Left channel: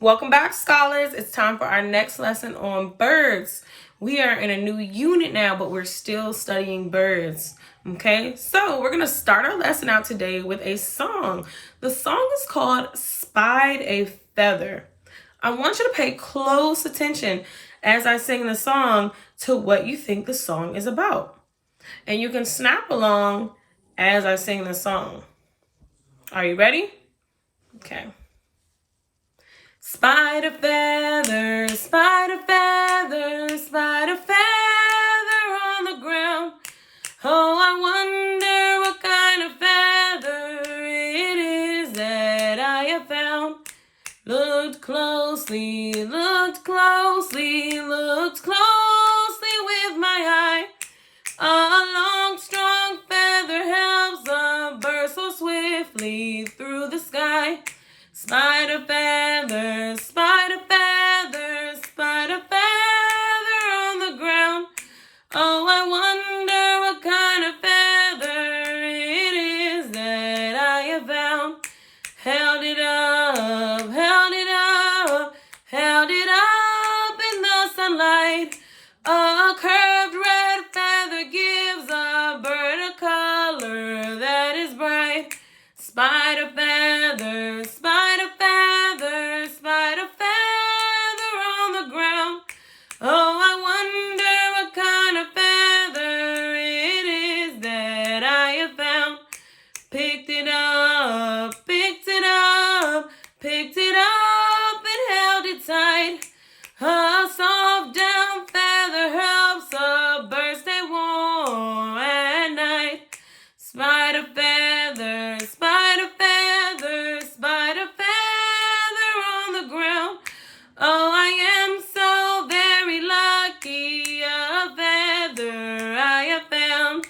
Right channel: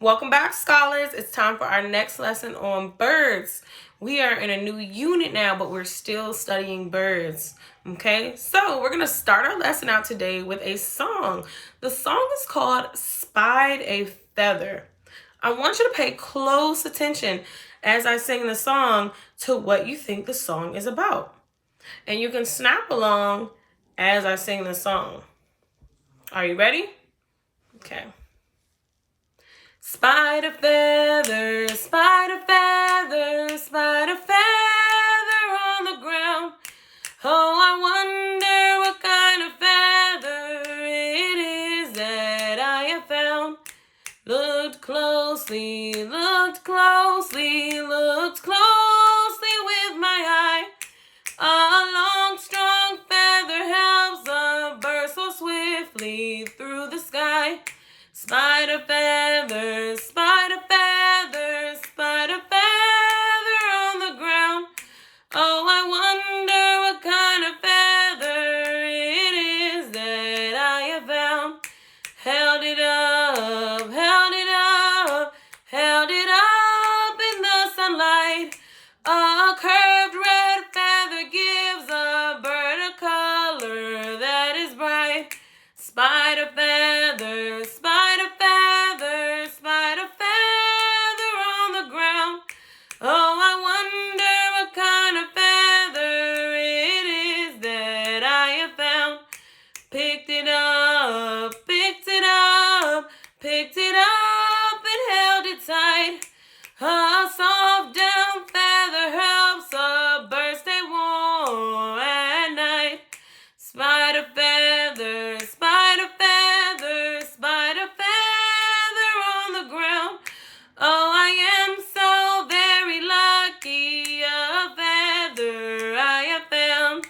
Welcome back, scholars. It's time for our next lesson on birds. We are in a new unit now, but we're still studying birds. Okay, so we're going to start our lesson out today with a song. The song is called Spied a Feather. I want you to pay close attention as I sing the song to what you think the song is about. And you can snap along as I sing the song. Are you ready? Okay. Spied a feather, spied a feather, spied a feather on the ground. Oh, I wonder what kind of feather it is that I have found. Looked closely, looked closely, looked closely with my eye. A long, strong feather helps a bird so swiftly through the sky. Spied a feather, spied a feather, spied a feather on the ground. Oh, I wonder what kind of feather it is that I have found. Held it up, held it up, held it up in the sunlight. A curved red feather gives a bird a color that is bright. Spied a feather, spied a feather, spied a feather on the ground. Oh, I wonder what kind of feather it is that I have found. Picked it up, picked it up, picked it up and held it tight. A soft down feather helps a bird stay warm at night. Spied a feather, spied a feather, spied a feather on the ground. Oh, I am so very lucky, a feather I have found.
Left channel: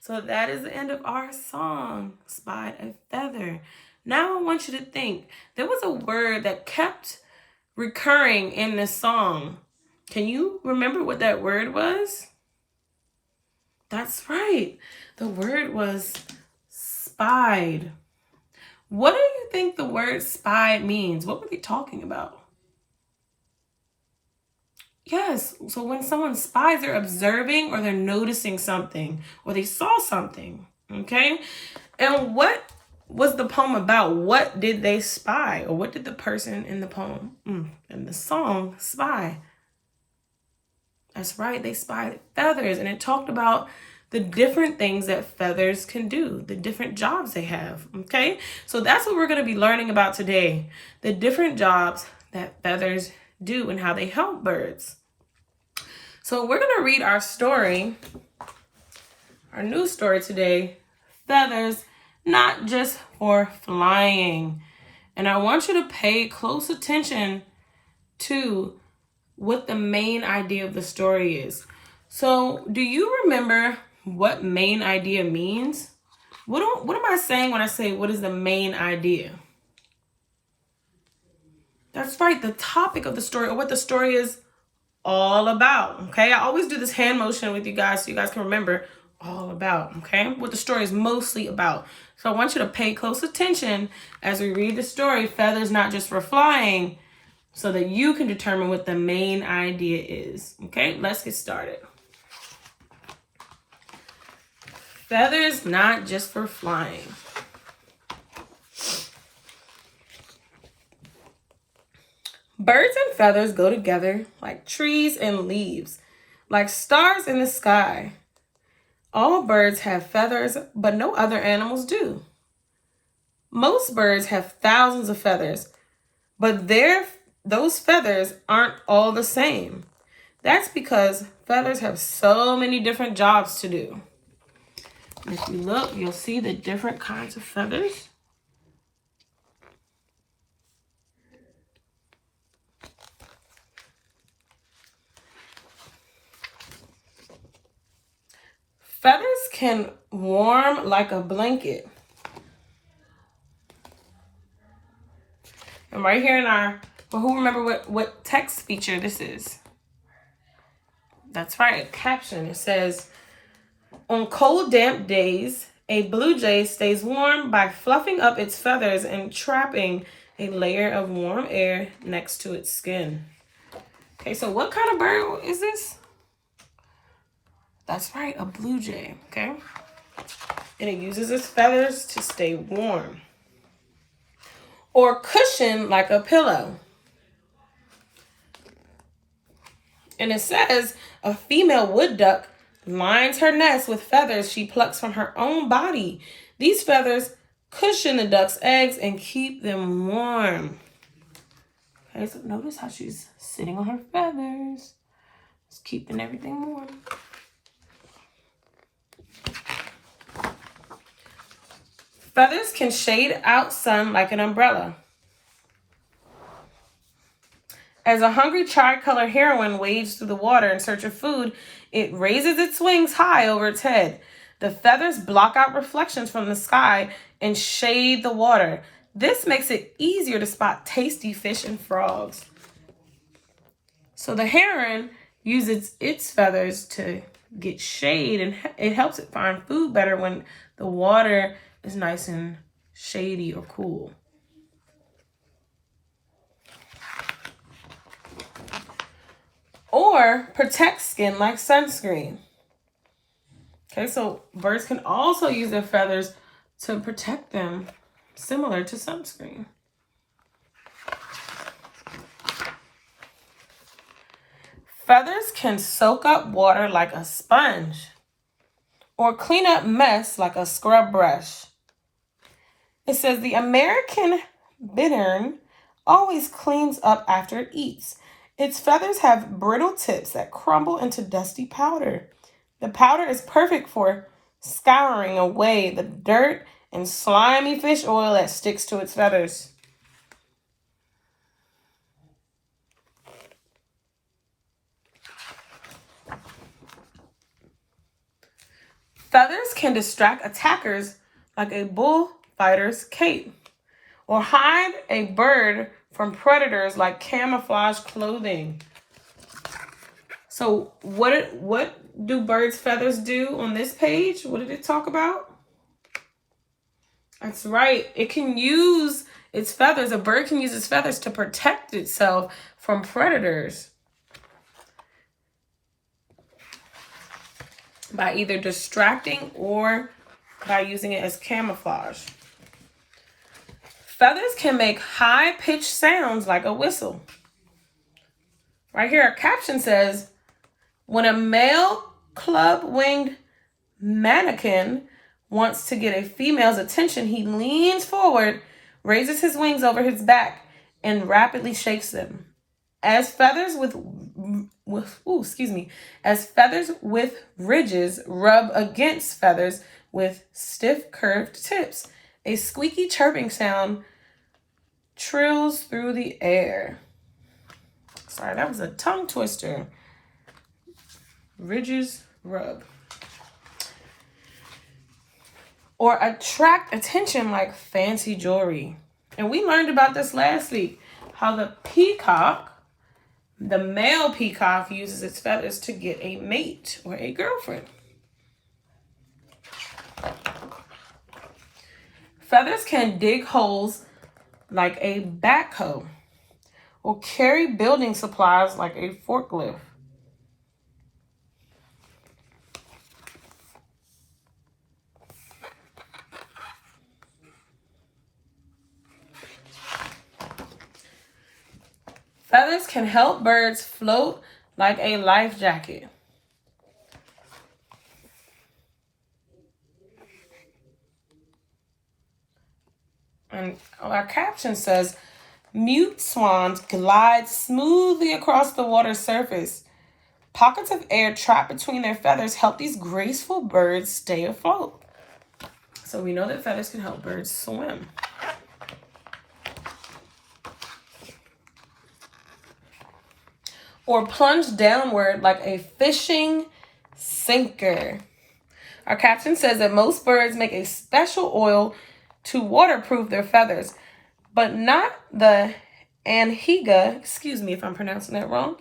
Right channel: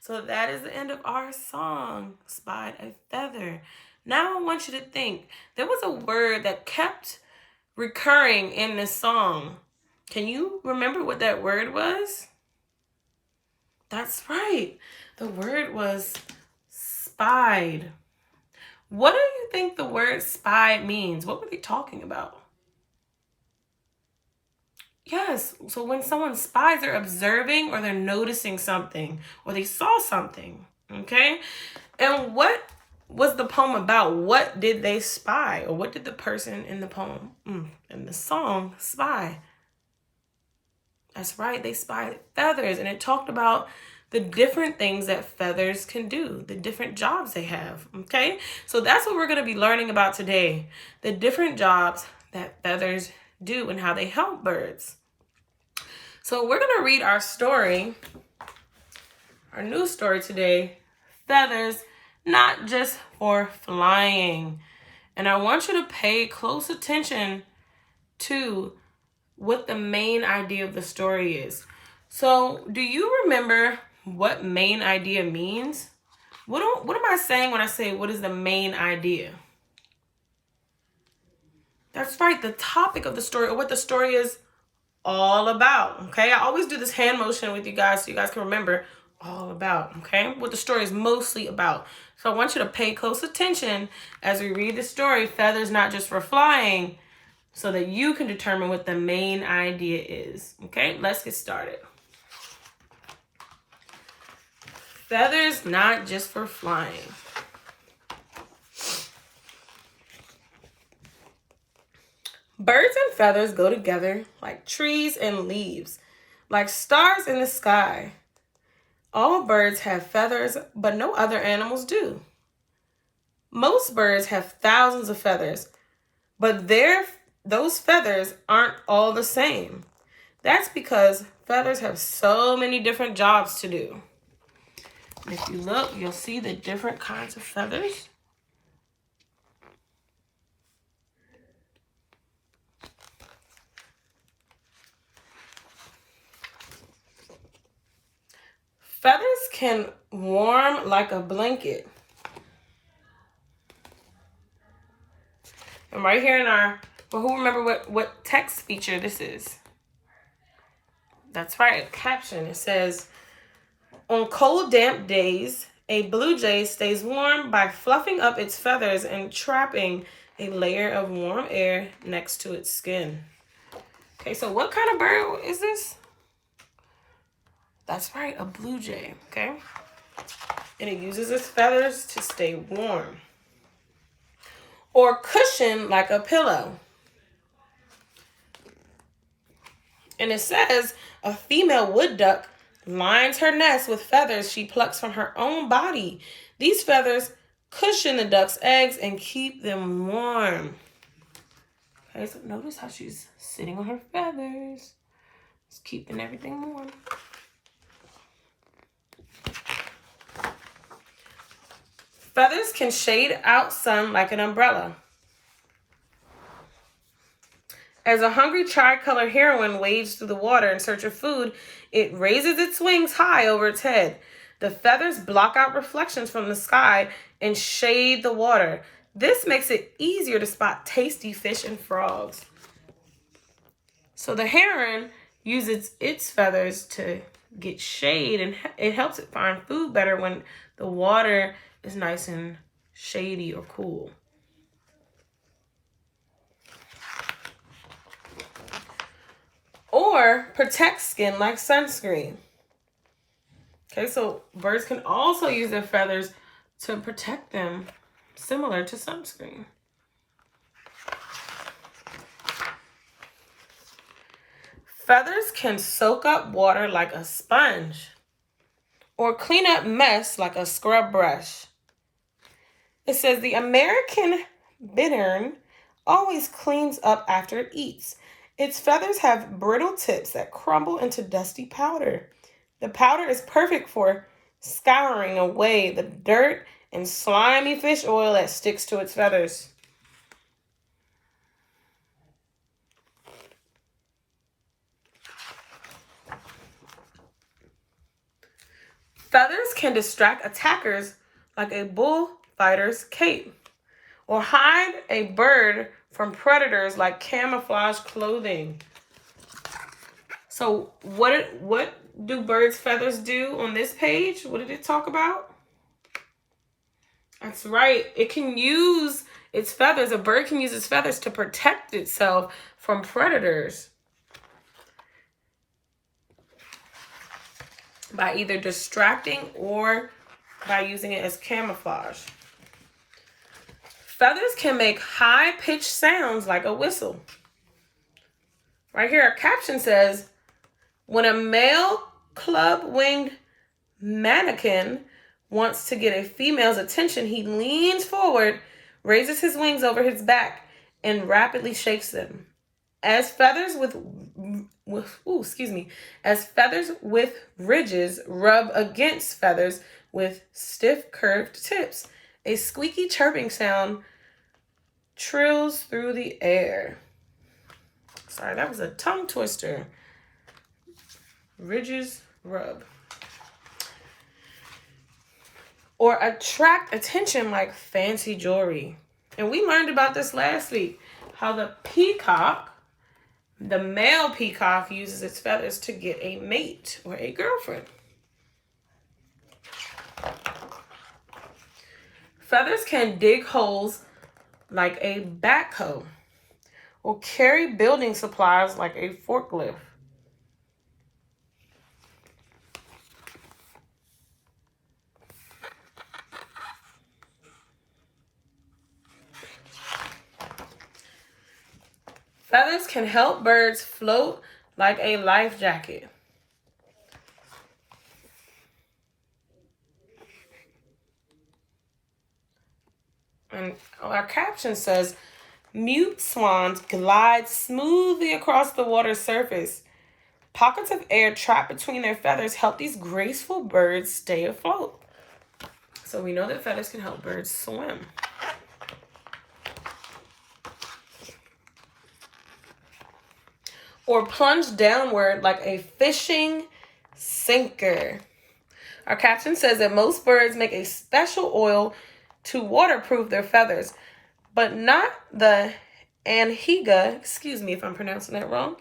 So that is the end of our song, Spied a Feather. Now I want you to think, there was a word that kept recurring in this song. Can you remember what that word was? That's right. The word was spied. What do you think the word spied means? What were they talking about? Yes, so when someone spies, they're observing or they're noticing something or they saw something, okay? And what was the poem about? What did they spy? Or what did the person in the poem, in the song, spy? That's right, they spied feathers, and it talked about the different things that feathers can do, the different jobs they have, okay? So that's what we're going to be learning about today, the different jobs that feathers do and how they help birds. So we're going to read our story, our new story today, Feathers Not Just for Flying. And I want you to pay close attention to what the main idea of the story is. So do you remember what main idea means? What am I saying when I say what is the main idea? That's right, the topic of the story, or what the story is all about, okay? I always do this hand motion with you guys so you guys can remember all about, okay? What the story is mostly about. So I want you to pay close attention as we read the story, Feathers Not Just for Flying, so that you can determine what the main idea is, okay? Let's get started. Feathers Not Just for Flying. Birds and feathers go together like trees and leaves, like stars in the sky. All birds have feathers, but no other animals do. Most birds have thousands of feathers, but those feathers aren't all the same. That's because feathers have so many different jobs to do. If you look, you'll see the different kinds of feathers. Feathers can warm like a blanket. And right here in our, well, who remember what text feature this is? That's right, a caption. It says, on cold, damp days, a blue jay stays warm by fluffing up its feathers and trapping a layer of warm air next to its skin. Okay, so what kind of bird is this? That's right, a blue jay, okay? And it uses its feathers to stay warm or cushion like a pillow. And it says a female wood duck lines her nest with feathers she plucks from her own body. These feathers cushion the duck's eggs and keep them warm. Okay, so notice how she's sitting on her feathers. Just keeping everything warm. Feathers can shade out sun like an umbrella. As a hungry tricolor heron wades through the water in search of food, it raises its wings high over its head. The feathers block out reflections from the sky and shade the water. This makes it easier to spot tasty fish and frogs. So the heron uses its feathers to get shade, and it helps it find food better when the water is nice and shady or cool. Or protect skin like sunscreen. Okay, so birds can also use their feathers to protect them, similar to sunscreen. Feathers can soak up water like a sponge or clean up mess like a scrub brush. It says the American bittern always cleans up after it eats. Its feathers have brittle tips that crumble into dusty powder. The powder is perfect for scouring away the dirt and slimy fish oil that sticks to its feathers. Feathers can distract attackers like a bullfighter's cape, or hide a bird from predators like camouflage clothing. So what do birds' feathers do on this page? What did it talk about? That's right. It can use its feathers. A bird can use its feathers to protect itself from predators by either distracting or by using it as camouflage. Feathers can make high-pitched sounds like a whistle. Right here, a caption says, when a male club-winged mannequin wants to get a female's attention, he leans forward, raises his wings over his back, and rapidly shakes them. As feathers with ridges rub against feathers with stiff curved tips, a squeaky chirping sound trills through the air. Sorry, that was a tongue twister. Ridges rub. Or attract attention like fancy jewelry. And we learned about this last week, how the peacock, the male peacock, uses its feathers to get a mate or a girlfriend. Feathers can dig holes like a backhoe or carry building supplies like a forklift. Feathers can help birds float like a life jacket. And our caption says, mute swans glide smoothly across the water's surface. Pockets of air trapped between their feathers help these graceful birds stay afloat. So we know that feathers can help birds swim. Or plunge downward like a fishing sinker. Our caption says that most birds make a special oil to waterproof their feathers, but not the anhinga, excuse me if I'm pronouncing that wrong.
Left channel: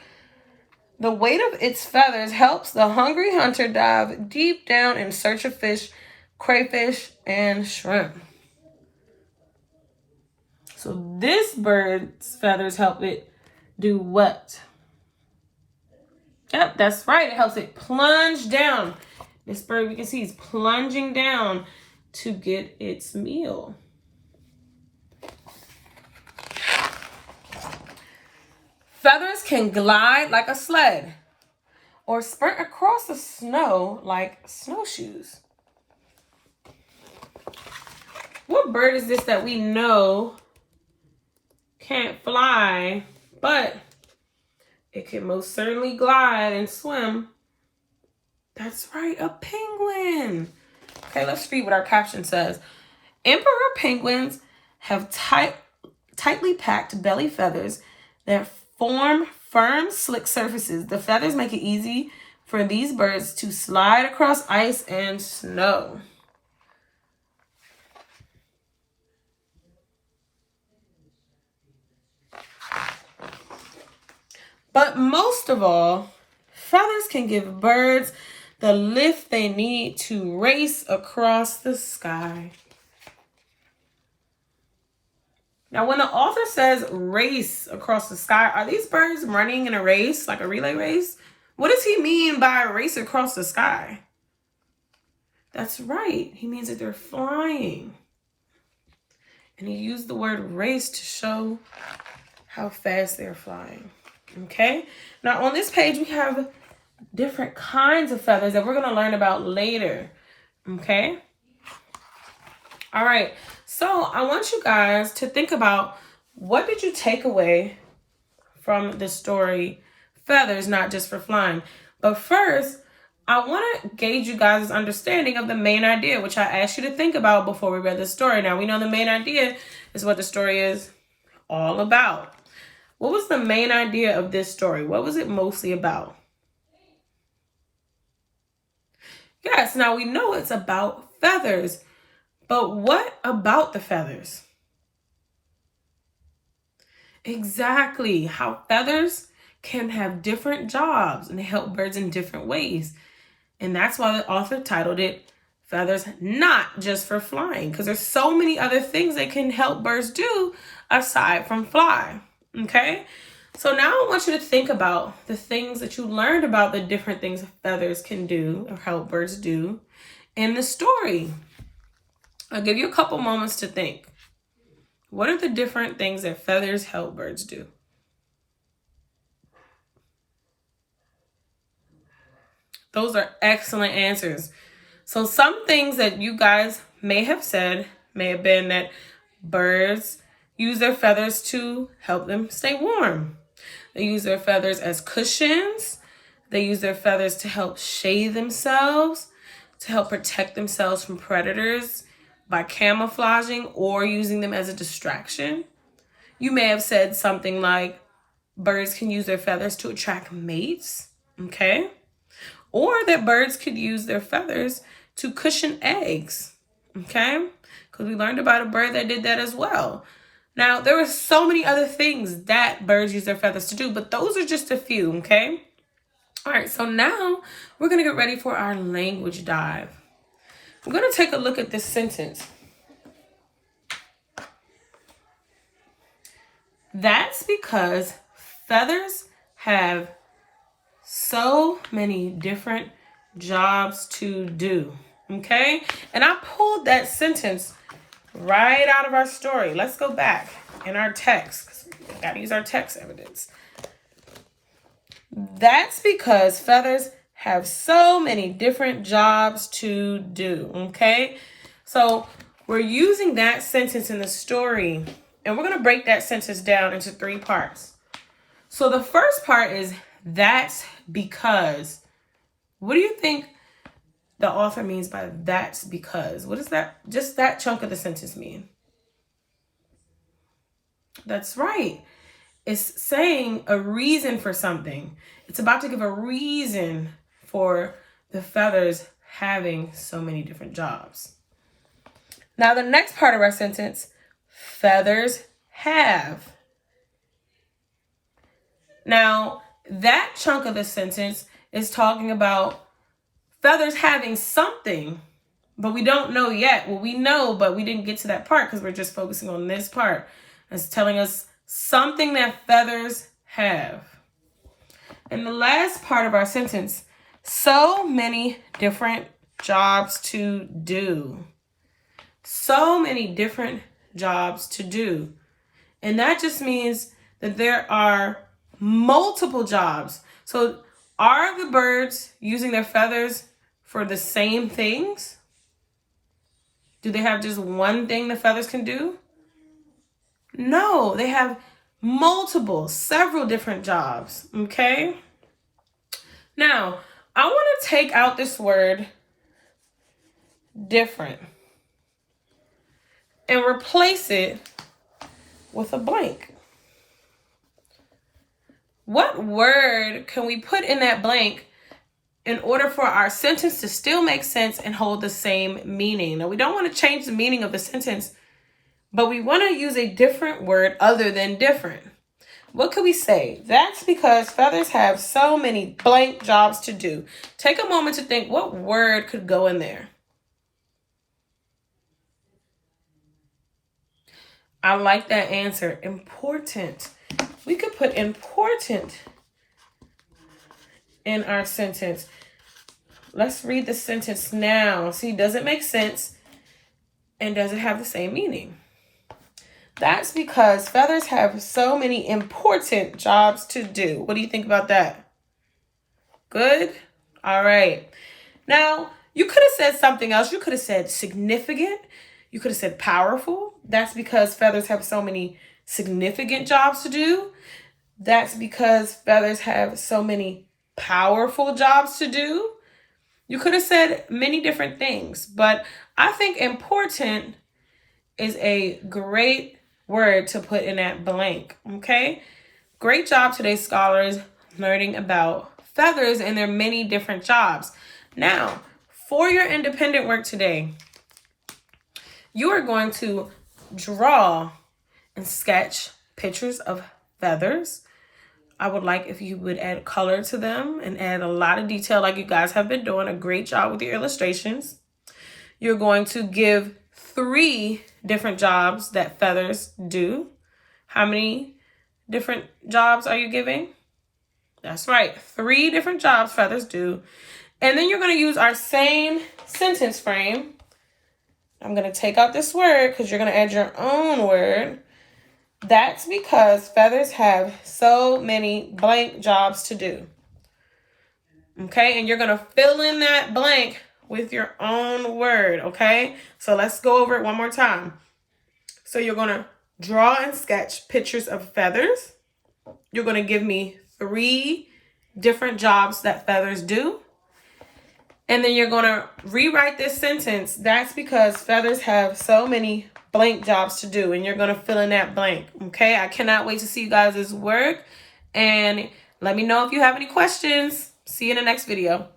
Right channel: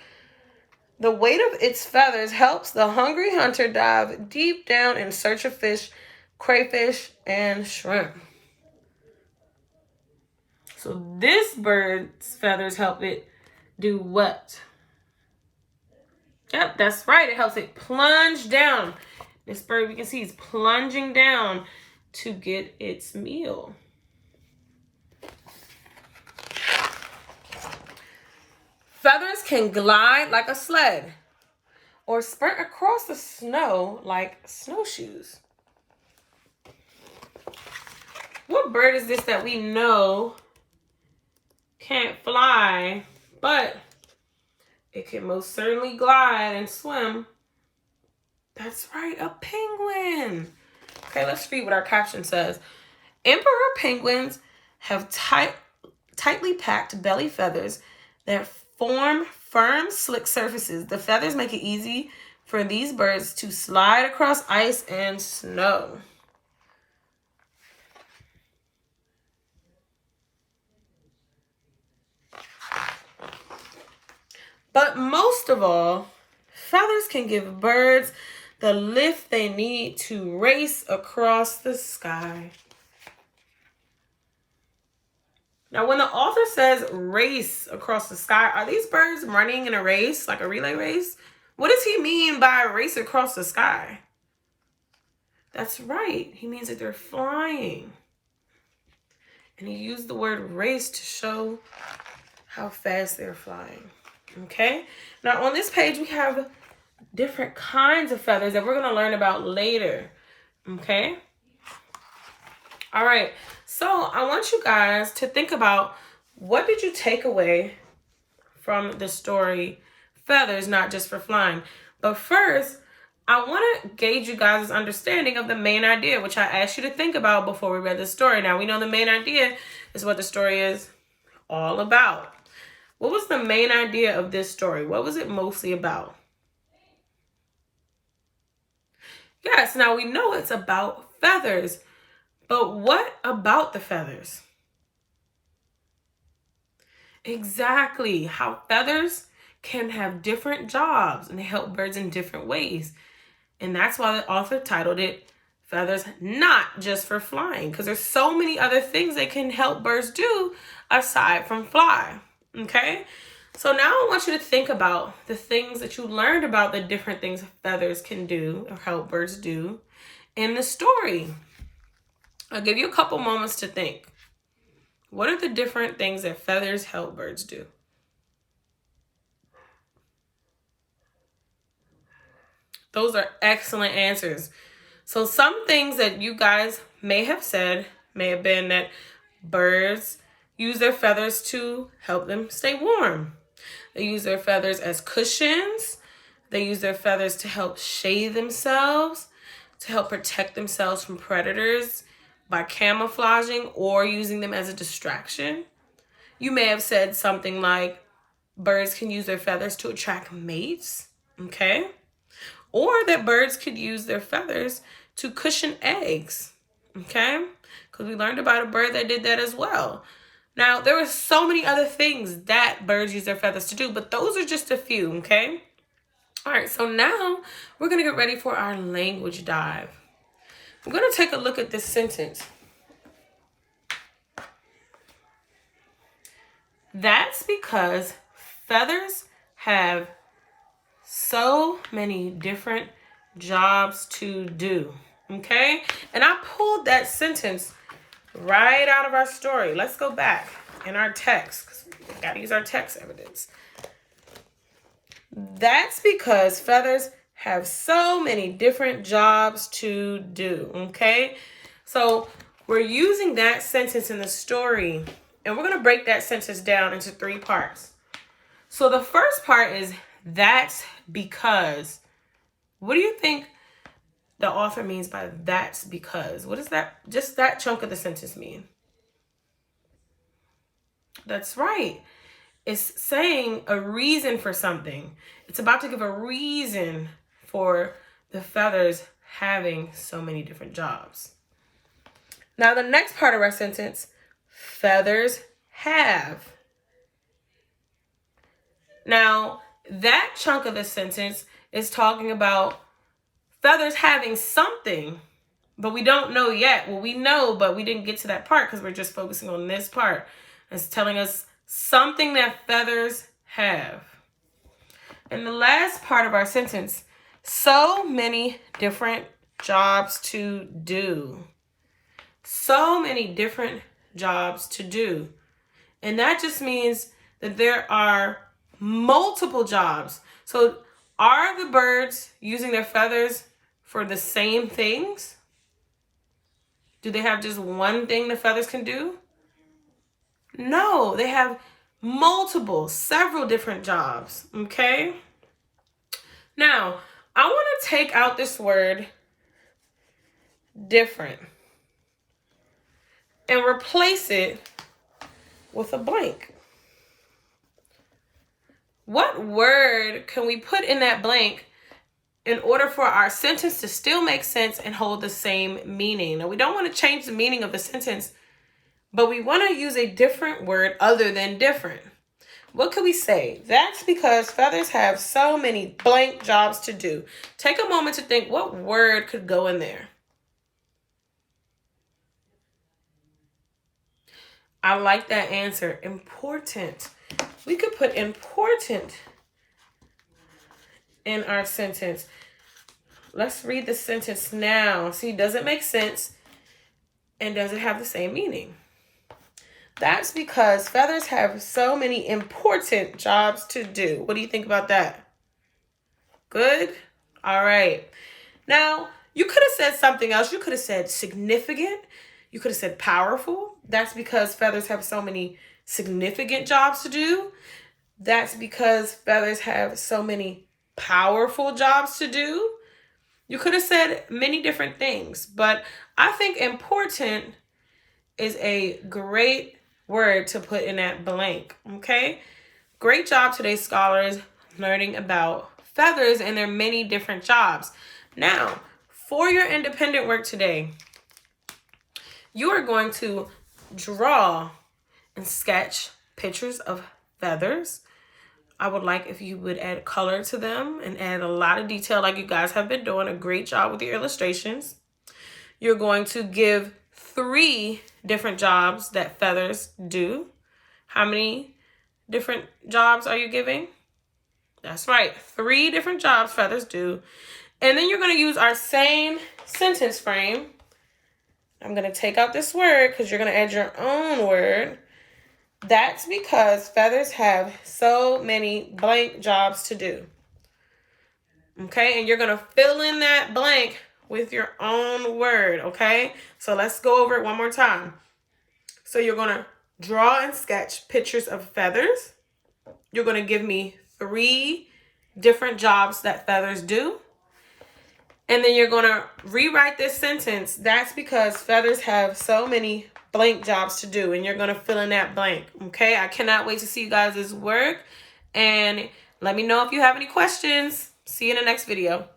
The weight of its feathers helps the hungry hunter dive deep down in search of fish, crayfish, and shrimp. So this bird's feathers help it do what? Yep, that's right. It helps it plunge down. This bird, we can see, is plunging down to get its meal. Feathers can glide like a sled or sprint across the snow like snowshoes. What bird is this that we know can't fly, but it can most certainly glide and swim? That's right, a penguin. Okay, let's read what our caption says. Emperor penguins have tightly packed belly feathers that form firm, slick surfaces. The feathers make it easy for these birds to slide across ice and snow. But most of all, feathers can give birds the lift they need to race across the sky. Now, when the author says race across the sky, are these birds running in a race, like a relay race? What does he mean by race across the sky? That's right. He means that they're flying. And he used the word race to show how fast they're flying. Okay? Now, on this page, we have different kinds of feathers that we're going to learn about later. Okay? All right. So I want you guys to think about, what did you take away from the story Feathers Not Just for Flying? But first, I want to gauge you guys' understanding of the main idea, which I asked you to think about before we read the story. Now, we know the main idea is what the story is all about. What was the main idea of this story? What was it mostly about? Yes, now we know it's about feathers. But what about the feathers? Exactly, how feathers can have different jobs and help birds in different ways. And that's why the author titled it Feathers Not Just for Flying, because there's so many other things that can help birds do aside from fly. Okay? So now I want you to think about the things that you learned about the different things feathers can do or help birds do in the story. I'll give you a couple moments to think. What are the different things that feathers help birds do? Those are excellent answers. So some things that you guys may have said may have been that birds use their feathers to help them stay warm. They use their feathers as cushions. They use their feathers to help shade themselves, to help protect themselves from predators by camouflaging or using them as a distraction. You may have said something like birds can use their feathers to attract mates, okay? Or that birds could use their feathers to cushion eggs, okay? Because we learned about a bird that did that as well. Now, there are so many other things that birds use their feathers to do, but those are just a few, okay? All right, so now we're going to get ready for our language dive. We're going to take a look at this sentence. That's because feathers have so many different jobs to do, okay? And I pulled that sentence right out of our story. Let's go back in our text. We gotta use our text evidence. That's because feathers have so many different jobs to do, okay? So we're using that sentence in the story, and we're gonna break that sentence down into 3 parts. So the first part is, that's because. What do you think the author means by that's because? What does that, just that chunk of the sentence mean? That's right. It's saying a reason for something. It's about to give a reason for the feathers having so many different jobs. Now, the next part of our sentence, feathers have. Now, that chunk of the sentence is talking about feathers having something, but we don't know yet. Well, we know, but we didn't get to that part because we're just focusing on this part. It's telling us something that feathers have. And the last part of our sentence, so many different jobs to do. So many different jobs to do. And that just means that there are multiple jobs. So are the birds using their feathers for the same things? Do they have just one thing the feathers can do? No, they have several different jobs, okay? Now, I want to take out this word different and replace it with a blank. What word can we put in that blank in order for our sentence to still make sense and hold the same meaning? Now, we don't want to change the meaning of the sentence, but we want to use a different word other than different. What could we say? That's because feathers have so many blank jobs to do. Take a moment to think, what word could go in there? I like that answer. Important. We could put important in our sentence. Let's read the sentence now. See, does it make sense? And does it have the same meaning? That's because feathers have so many important jobs to do. What do you think about that? Good? All right. Now, you could have said something else. You could have said significant. You could have said powerful. That's because feathers have so many significant jobs to do. That's because feathers have so many powerful jobs to do. You could have said many different things, but I think important is a great word to put in that blank, okay? Great job today, scholars, learning about feathers and their many different jobs. Now, for your independent work today, you are going to draw and sketch pictures of feathers. I would like if you would add color to them and add a lot of detail like you guys have been doing a great job with your illustrations. You're going to give 3 different jobs that feathers do. How many different jobs are you giving? That's right, 3 different jobs feathers do. And then you're going to use our same sentence frame. I'm going to take out this word because you're going to add your own word. That's because feathers have so many blank jobs to do. Okay, and you're going to fill in that blank with your own word, okay? So let's go over it one more time. So you're going to draw and sketch pictures of feathers. You're going to give me 3 different jobs that feathers do. And then you're going to rewrite this sentence. That's because feathers have so many blank jobs to do. And you're going to fill in that blank, okay? I cannot wait to see you guys' work. And let me know if you have any questions. See you in the next video.